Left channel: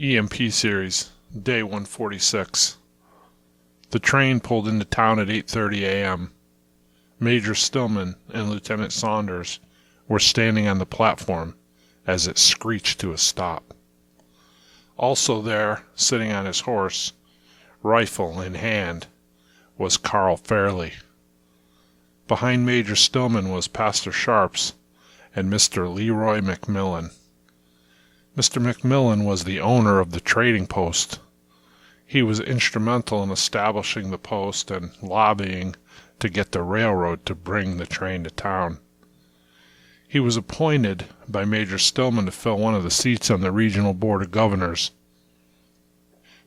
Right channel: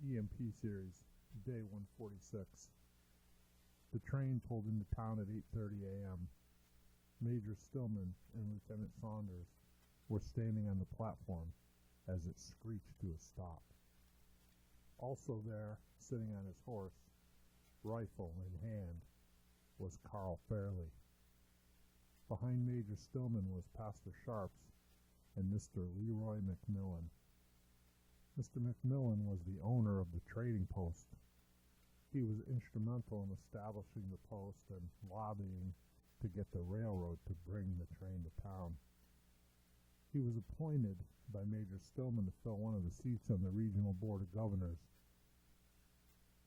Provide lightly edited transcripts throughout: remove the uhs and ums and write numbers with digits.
EMP Series, Day 146. The train pulled into town at 8:30 a.m. Major Stillman and Lieutenant Saunders were standing on the platform as it screeched to a stop. Also there, sitting on his horse, rifle in hand, was Carl Fairley. Behind Major Stillman was Pastor Sharps and Mr. Leroy McMillan. Mr. McMillan was the owner of the trading post. He was instrumental in establishing the post and lobbying to get the railroad to bring the train to town. He was appointed by Major Stillman to fill one of the seats on the regional board of governors.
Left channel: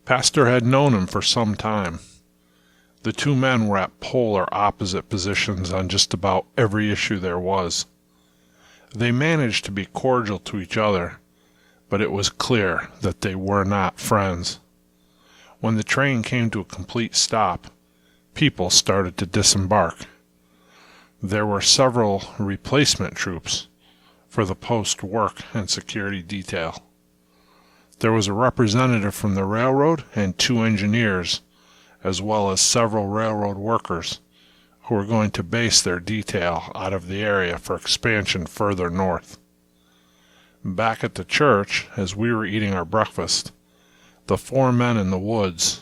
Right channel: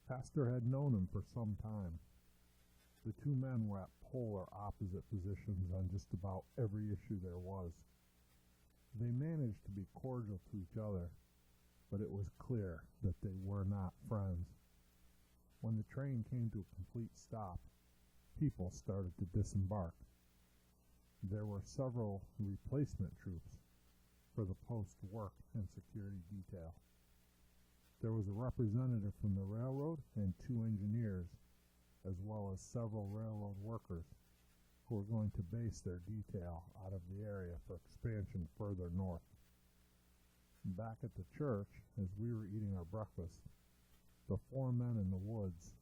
Pastor had known him for some time. The two men were at polar opposite positions on just about every issue there was. They managed to be cordial to each other, but it was clear that they were not friends. When the train came to a complete stop, people started to disembark. There were several replacement troops for the post work and security detail. There was a representative from the railroad and two engineers, as well as several railroad workers who were going to base their detail out of the area for expansion further north. Back at the church, as we were eating our breakfast, the four men in the woods,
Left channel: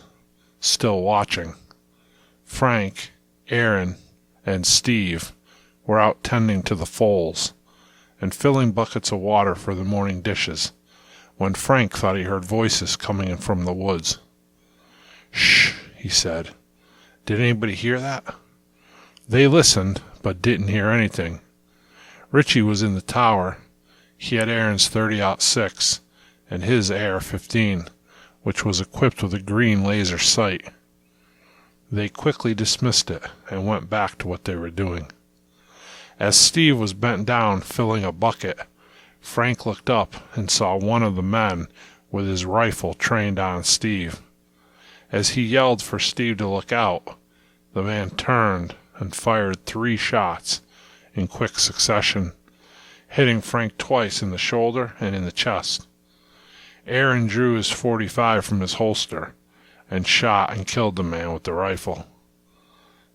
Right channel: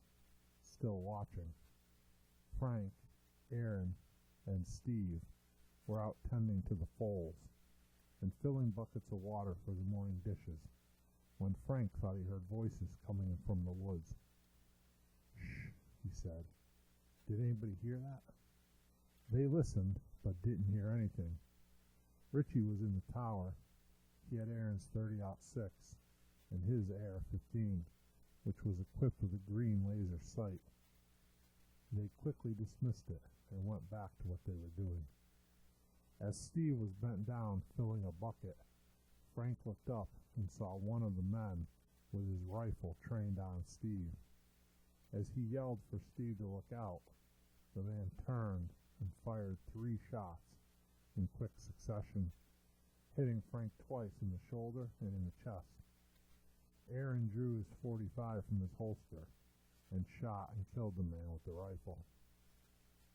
still watching, Frank, Aaron, and Steve, were out tending to the foals and filling buckets of water for the morning dishes, when Frank thought he heard voices coming in from the woods. "Shh," he said. "Did anybody hear that?" They listened, but didn't hear anything. Richie was in the tower. He had Aaron's .30-06 and his AR-15, which was equipped with a green laser sight. They quickly dismissed it and went back to what they were doing. As Steve was bent down filling a bucket, Frank looked up and saw one of the men with his rifle trained on Steve. As he yelled for Steve to look out, the man turned and fired 3 shots in quick succession, hitting Frank twice in the shoulder and in the chest. Aaron drew his .45 from his holster and shot and killed the man with the rifle.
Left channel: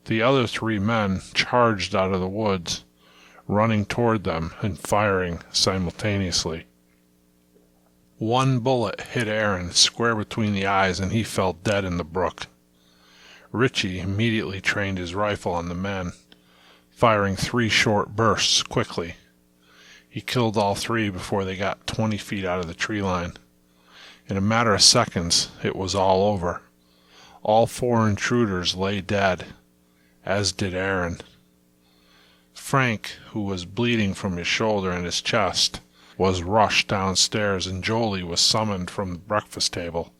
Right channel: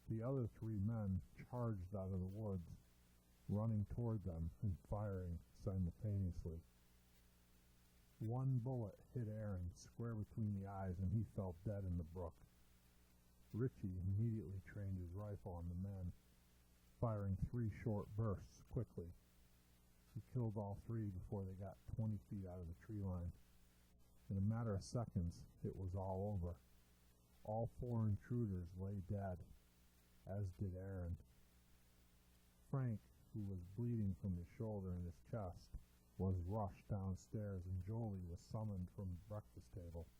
The other 3 men charged out of the woods, running toward them and firing simultaneously. One bullet hit Aaron square between the eyes and he fell dead in the brook. Richie immediately trained his rifle on the men, firing 3 short bursts quickly. He killed all 3 before they got 20 feet out of the tree line. In a matter of seconds, it was all over. All 4 intruders lay dead, as did Aaron. Frank, who was bleeding from his shoulder and his chest, was rushed downstairs, and Jolie was summoned from the breakfast table,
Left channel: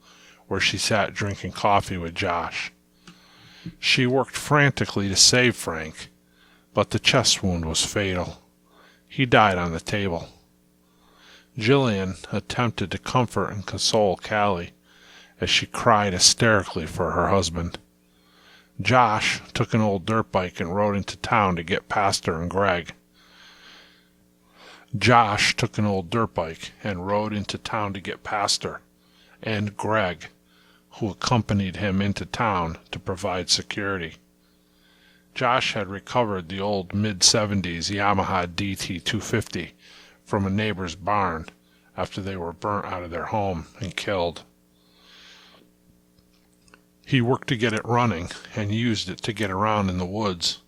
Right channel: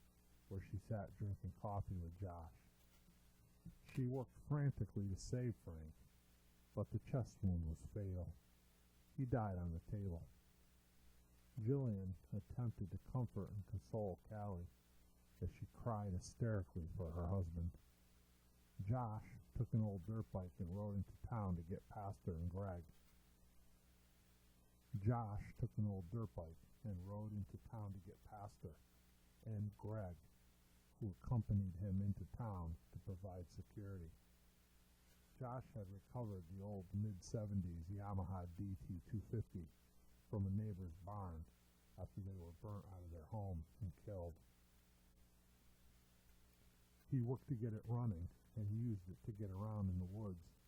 where she sat drinking coffee with Josh. She worked frantically to save Frank, but the chest wound was fatal. He died on the table. Jillian attempted to comfort and console Callie as she cried hysterically for her husband. Josh took an old dirt bike and rode into town to get Pastor and Greg. And Greg, who accompanied him into town to provide security. Josh had recovered the old mid-70s Yamaha DT-250 from a neighbor's barn after they were burnt out of their home and killed. He worked to get it running and used it to get around in the woods.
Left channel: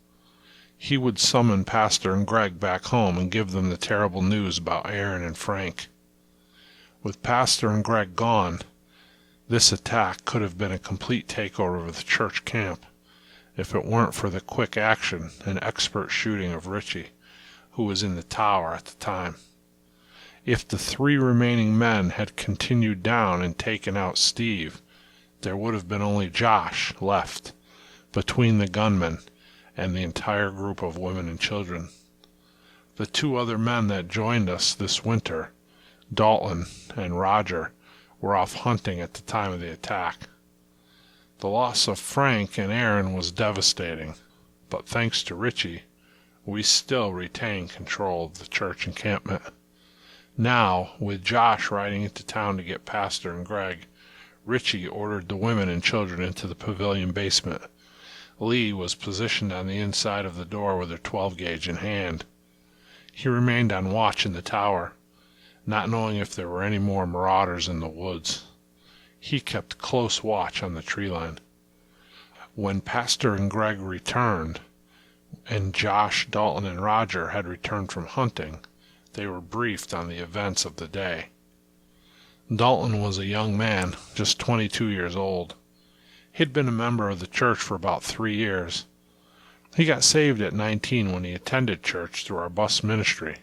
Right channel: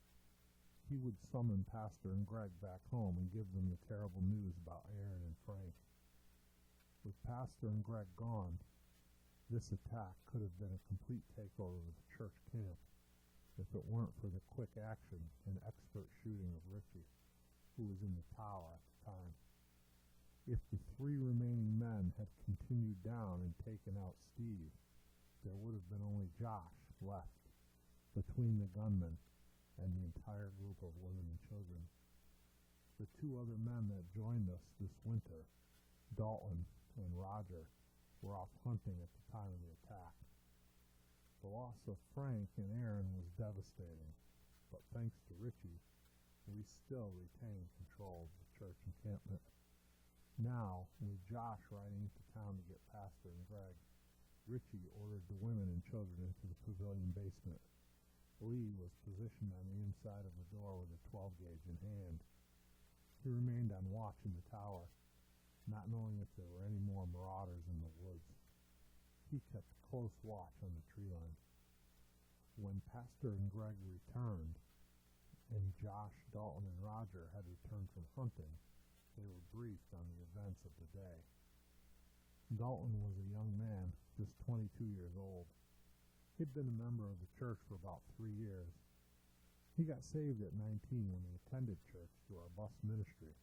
He would summon Pastor and Greg back home and give them the terrible news about Aaron and Frank. With Pastor and Greg gone, this attack could have been a complete takeover of the church camp, if it weren't for the quick action and expert shooting of Richie, who was in the tower at the time. If the 3 remaining men had continued down and taken out Steve, there would have been only Josh left between the gunmen and the entire group of women and children. The 2 other men that joined us this winter, Dalton and Roger, were off hunting at the time of the attack. The loss of Frank and Aaron was devastating, but thanks to Richie, we still retain control of the church encampment. Now, with Josh riding into town to get Pastor and Greg, Richie ordered the women and children into the pavilion basement. Lee was positioned on the inside of the door with her 12-gauge in hand. He remained on watch in the tower, not knowing if there were any more marauders in the woods. He kept close watch on the tree line. When Pastor and Greg returned, and Josh, Dalton, and Roger had returned from hunting, they were briefed on the events of the day. Dalton was a young man, just 22 years old. He'd been a member of the church for about 3 years. He got saved at 19 when he attended church through our bus ministry.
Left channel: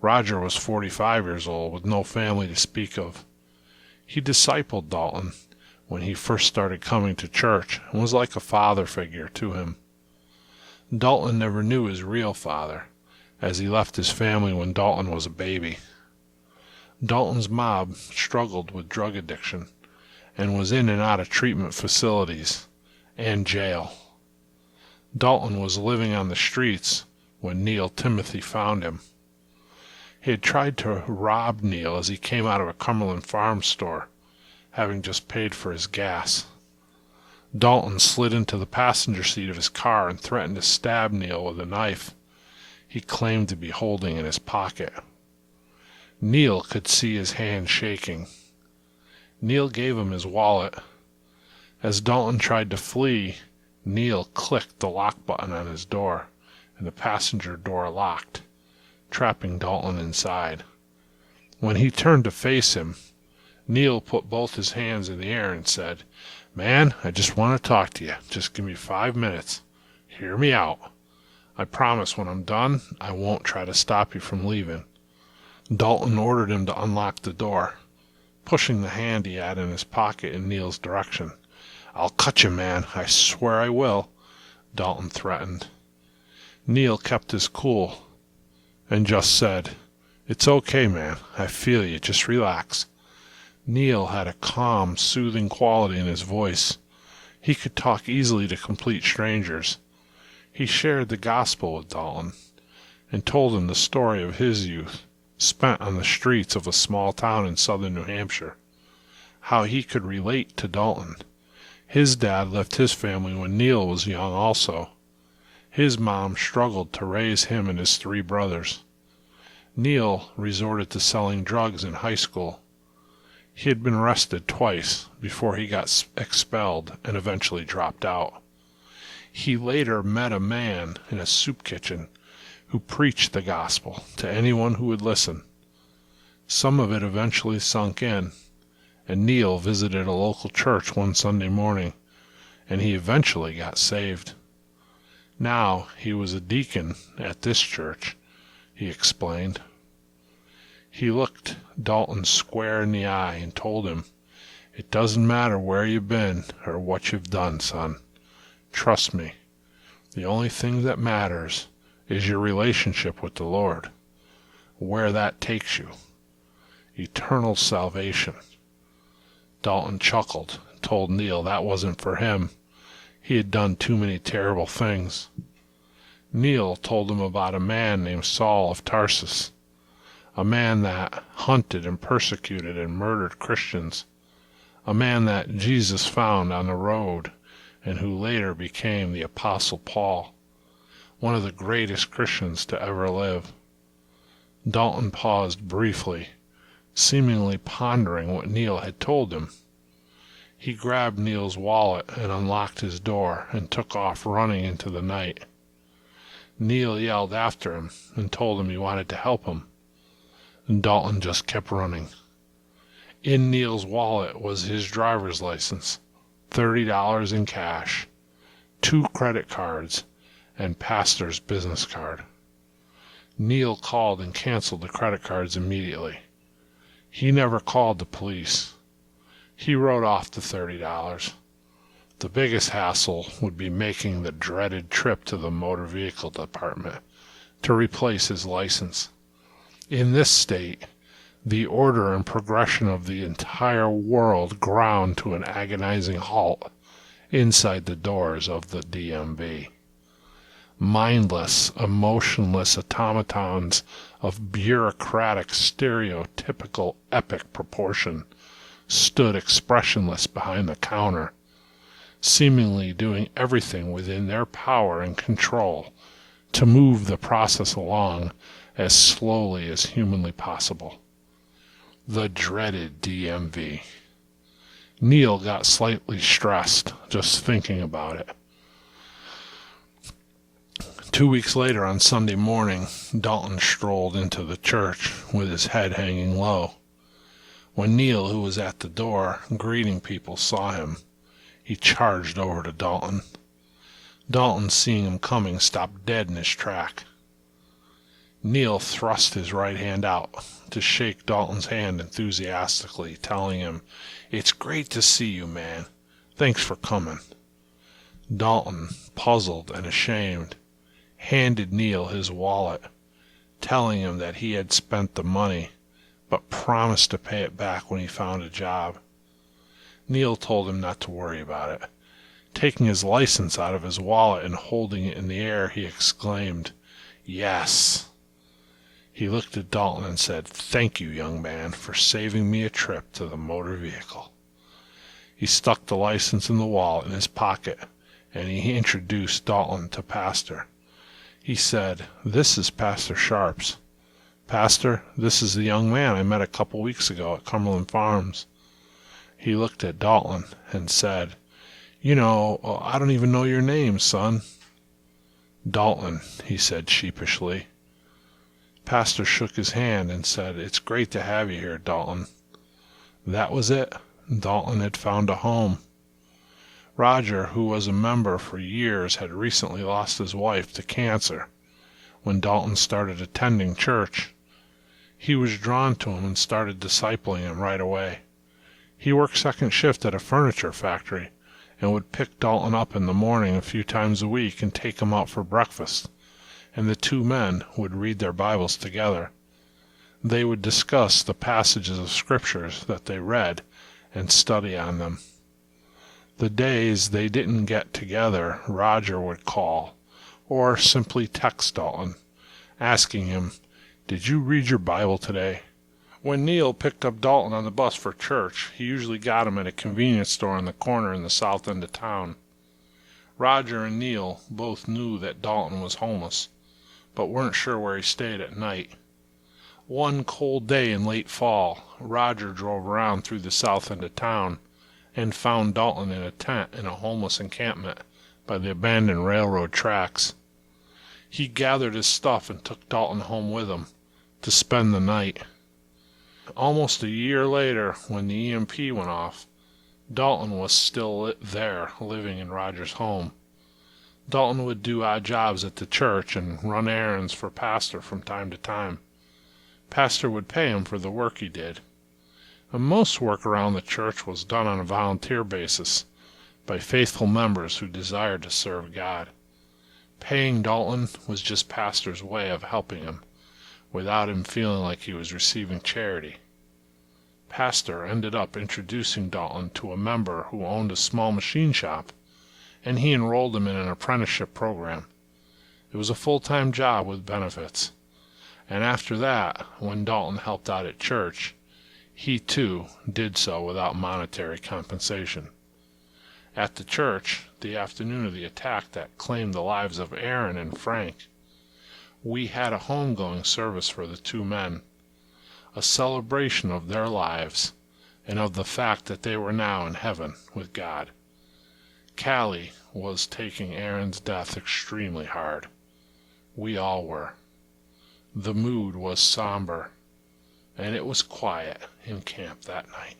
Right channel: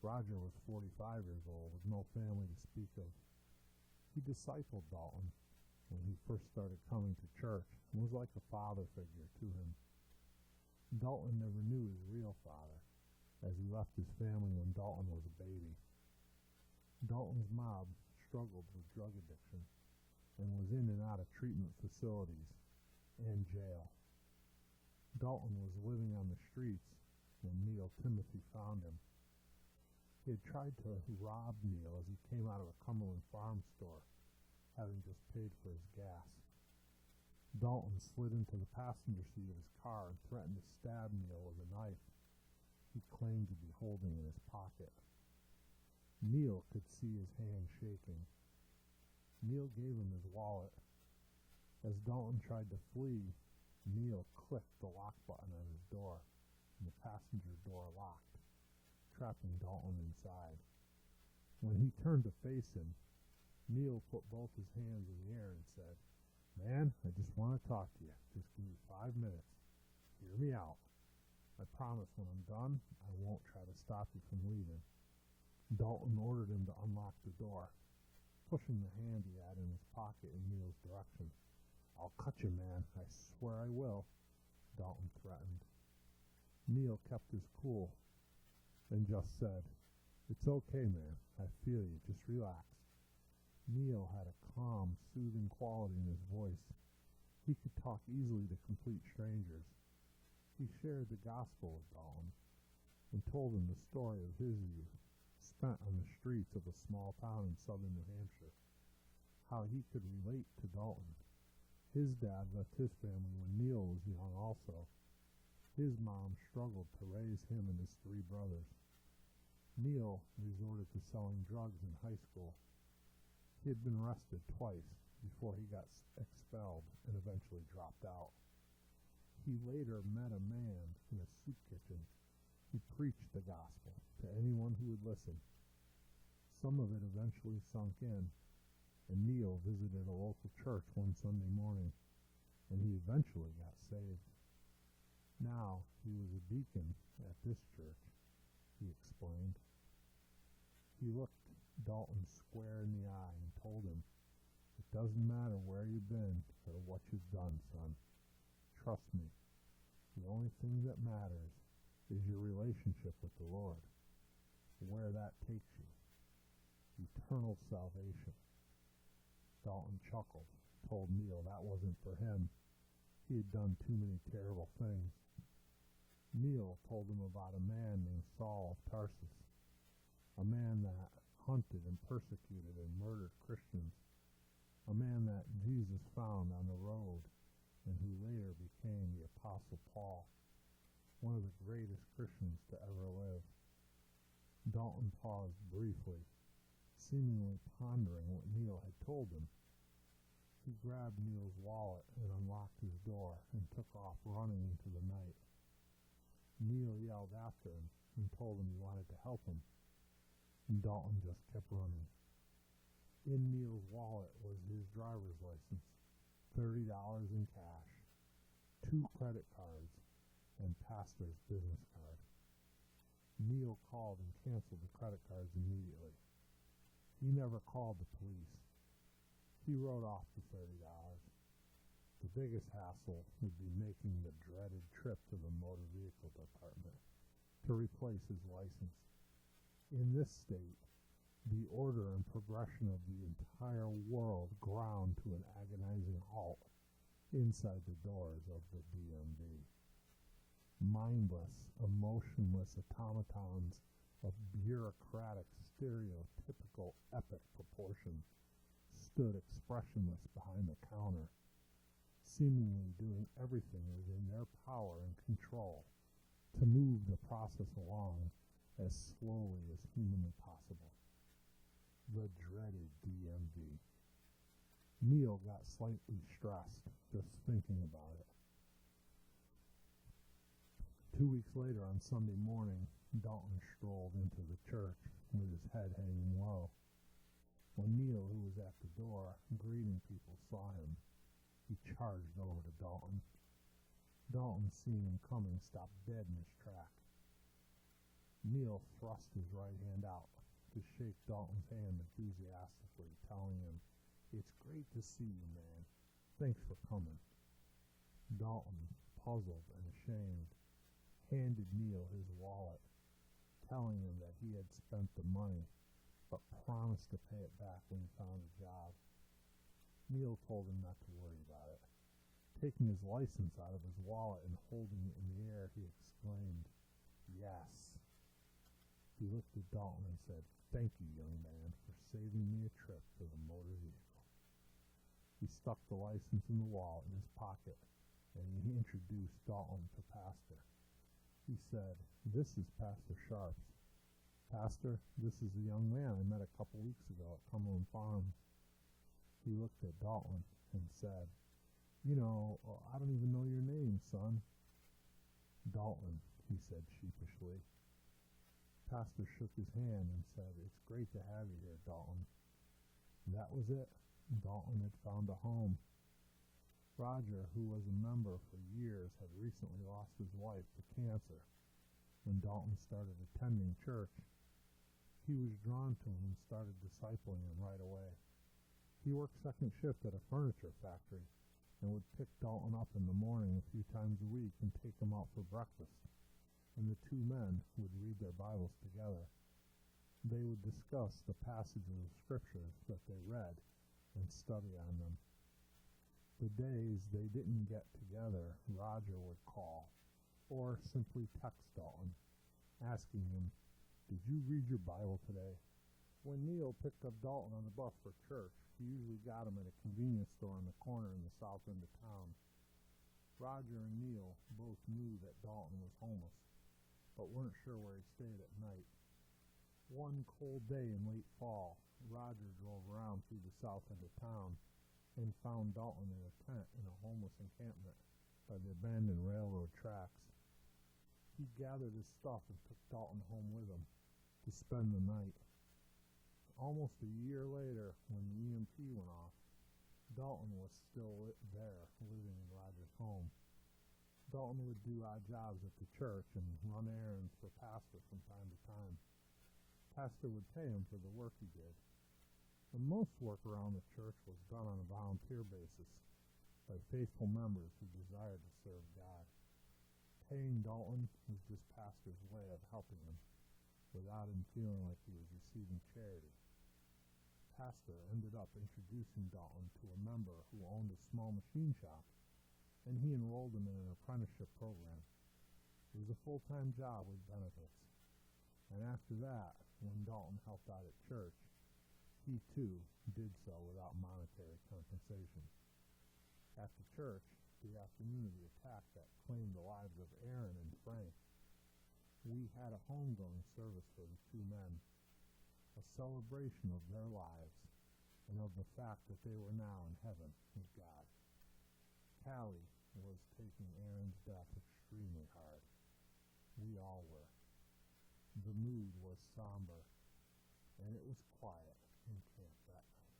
Roger was 45 years old with no family to speak of. He discipled Dalton when he first started coming to church and was like a father figure to him. Dalton never knew his real father, as he left his family when Dalton was a baby. Dalton's mob struggled with drug addiction and was in and out of treatment facilities and jail. Dalton was living on the streets when Neil Timothy found him. He had tried to rob Neil as he came out of a Cumberland Farm store, having just paid for his gas. Dalton slid into the passenger seat of his car and threatened to stab Neil with a knife he claimed to be holding in his pocket. Neil could see his hand shaking. Neil gave him his wallet. As Dalton tried to flee, Neil clicked the lock button on his door, and the passenger door locked, trapping Dalton inside. When he turned to face him, Neil put both his hands in the air and said, "Man, I just want to talk to you. Just give me 5 minutes. Hear me out. I promise when I'm done, I won't try to stop you from leaving." Dalton ordered him to unlock the door, pushing the hand he had in his pocket in Neil's direction. "I'll cut you, man. I swear I will," Dalton threatened. Neil kept his cool and just said, "It's okay, man. I feel you. Just relax." Neil had a calm, soothing quality in his voice. He could talk easily to complete strangers. He shared the gospel with Dalton and told him the story of his youth, spent on the streets of a small town in southern New Hampshire. How he could relate to Dalton. His dad left his family when Neil was young also. His mom struggled to raise him and his 3 brothers. Neil resorted to selling drugs in high school. He had been arrested twice before he got expelled and eventually dropped out. He later met a man in a soup kitchen who preached the gospel to anyone who would listen. Some of it eventually sunk in, and Neil visited a local church one Sunday morning, and he eventually got saved. Now he was a deacon at this church, he explained. He looked Dalton square in the eye and told him, "It doesn't matter where you've been or what you've done, son. Trust me. The only thing that matters is your relationship with the Lord. Where that takes you. Eternal salvation." Dalton chuckled and told Neil that wasn't for him. He had done too many terrible things. Neil told him about a man named Saul of Tarsus, a man that hunted and persecuted and murdered Christians, a man that Jesus found on the road and who later became the Apostle Paul, one of the greatest Christians to ever live. Dalton paused briefly, seemingly pondering what Neil had told him. He grabbed Neil's wallet and unlocked his door and took off running into the night. Neil yelled after him and told him he wanted to help him, and Dalton just kept running. In Neil's wallet was his driver's license, $30 in cash, 2 credit cards, and Pastor's business card. Neil called and canceled the credit cards immediately. He never called the police. He wrote off the $30. The biggest hassle would be making the dreaded trip to the motor vehicle department to replace his license. In this state, the order and progression of the entire world ground to an agonizing halt inside the doors of the DMV. Mindless, emotionless automatons of bureaucratic, stereotypical, epic proportion stood expressionless behind the counter, seemingly doing everything within their power and control to move the process along as slowly as humanly possible. The dreaded DMV. Neil got slightly stressed just thinking about it. 2 weeks later, on Sunday morning, Dalton strolled into the church with his head hanging low. When Neil, who was at the door greeting people, saw him, he charged over to Dalton. Dalton, seeing him coming, stopped dead in his track. Neil thrust his right hand out to shake Dalton's hand enthusiastically, telling him, "It's great to see you, man. Thanks for coming." Dalton, puzzled and ashamed, handed Neil his wallet, telling him that he had spent the money, but promised to pay it back when he found a job. Neil told him not to worry about it. Taking his license out of his wallet and holding it in the air, he exclaimed, "Yes." He looked at Dalton and said, "Thank you, young man, for saving me a trip to the motor vehicle." He stuck the license in the wallet in his pocket, and he introduced Dalton to Pastor. He said, "This is Pastor Sharps. Pastor, this is the young man I met a couple weeks ago at Cumberland Farms." He looked at Dalton and said, "You know, I don't even know your name, son." "Dalton," he said sheepishly. Pastor shook his hand and said, "It's great to have you here, Dalton." That was it. Dalton had found a home. Roger, who was a member for years, had recently lost his wife to cancer. When Dalton started attending church, he was drawn to him and started discipling him right away. He worked second shift at a furniture factory and would pick Dalton up in the morning a few times a week and take him out for breakfast, and the two men would read their Bibles together. They would discuss the passages of scriptures that they read and study on them. The days they didn't get together, Roger would call or simply text Dalton, asking him, "Did you read your Bible today?" When Neil picked up Dalton on the bus for church, he usually got him at a convenience store on the corner in the south end of town. Roger and Neil both knew that Dalton was homeless, but weren't sure where he stayed at night. One cold day in late fall, Roger drove around through the south end of town and found Dalton in a tent in a homeless encampment by the abandoned railroad tracks. He gathered his stuff and took Dalton home with him to spend the night. Almost a year later, when the EMP went off, Dalton was still there, living in Roger's home. Dalton would do odd jobs at the church and run errands for Pastor from time to time. Pastor would pay him for the work he did. And most work around the church was done on a volunteer basis by faithful members who desired to serve God. Paying Dalton was just Pastor's way of helping him, without him feeling like he was receiving charity. Pastor ended up introducing Dalton to a member who owned a small machine shop, and he enrolled him in an apprenticeship program. It was a full-time job with benefits. And after that, when Dalton helped out at church, he too did so without monetary compensation. At the church, the afternoon of the attack that claimed the lives of Aaron and Frank, we had a homegoing service for the two men, a celebration of their lives and of the fact that they were now in heaven with God. Callie was taking Aaron's death extremely hard. We all were. The mood was somber, and it was quiet in camp that night.